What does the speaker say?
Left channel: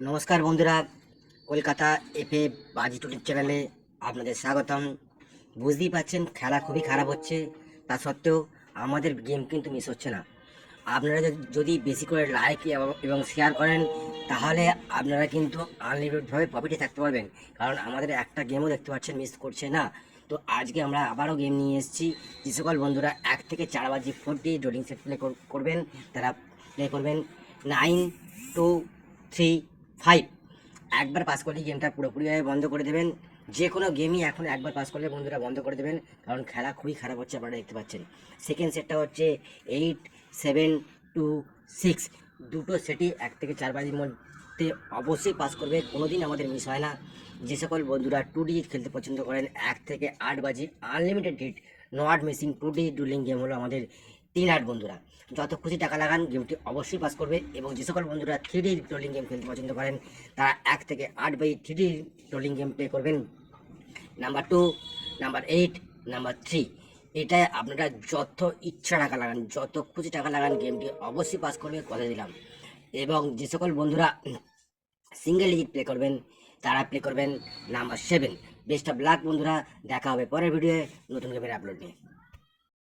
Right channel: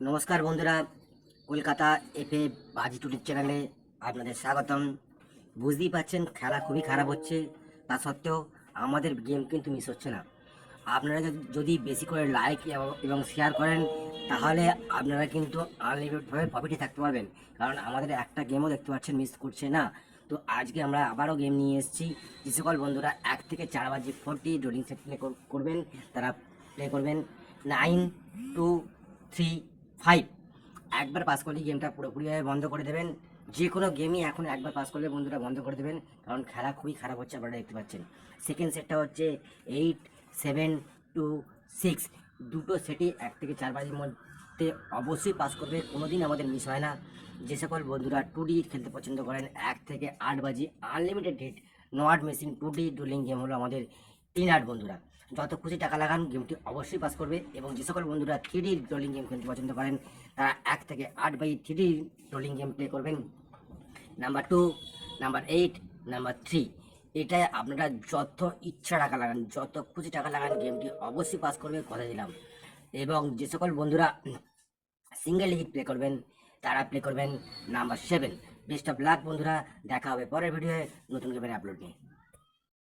নমস্কার বন্ধুরা, কলকাতা এফএ বাজি টুটির চ্যানেলে আপনাদের স্বাগতম। বুঝতেই পাচ্ছেন খেলা খুবই খারাপ হচ্ছে, তা সত্ত্বেও আমাদের গেম কিন্তু মিস হচ্ছে না। আপনারা যদি বেশি করে লাইক এবং শেয়ার করেন, তাহলে আপনারা কিন্তু আনলিমিটেডভাবে প্রফিটে থাকতে পারবেন। কারণ আমাদের একটা গেমও দেখতে পাচ্ছেন মিস করছে না। তো আজকে আমরা আবারও গেম নিয়ে এসেছি। যে সকল বন্ধুরা 1 থেকে 4 বাজি 40 রোলিং সেট প্লে করবেন, তারা প্লে করবেন 9, 2, 3, 5। একবার পাস করলে গেমটা পুরোপুরিভাবে বন্ধ করে দেবেন। যে কোনো গেমই এখন একবার পাস করলে বন্ধুরা বন্ধ করে দেবেন, কারণ খেলা খুবই খারাপ হচ্ছে, আপনারা দেখতে পাচ্ছেন। সেকেন্ড সেটটা হচ্ছে 8, 7, 2, 6। দুটো সেটই 1 থেকে 4 বাজির মধ্যে অবশ্যই পাস করবে, কোনো দিন আমাদের মিস হয় না। যে সকল বন্ধুরা 2D খেলতে পছন্দ করেন, 1 থেকে 8 বাজি unlimited hit, not missing 2D rolling game হলো আমাদের 3 8 বন্ধুরা। যত খুশি টাকা লাগান, গেমটি অবশ্যই পাস করবে। এবং যে সকল বন্ধুরা 3D রোলিং গেম খেলতে পছন্দ করেন, তারা 1 থেকে 8 by 3D rolling game play করবেন। নাম্বার 2, নাম্বার 8, নাম্বার 3, এটাই আপনারা যত ইচ্ছা টাকা লাগান, যত খুশি টাকা লাগান, গেমটি অবশ্যই পাস করবে, কথা দিলাম। এবং যে সকল বন্ধুরা সিঙ্গেল লিগ প্লে করবেন, তারা প্লে করবেন নাম্বার 7। বেস্ট অফ লাক বন্ধুরা, দেখা হবে পরের ভিডিওয়ে নতুন গেমের আপলোড নিয়ে।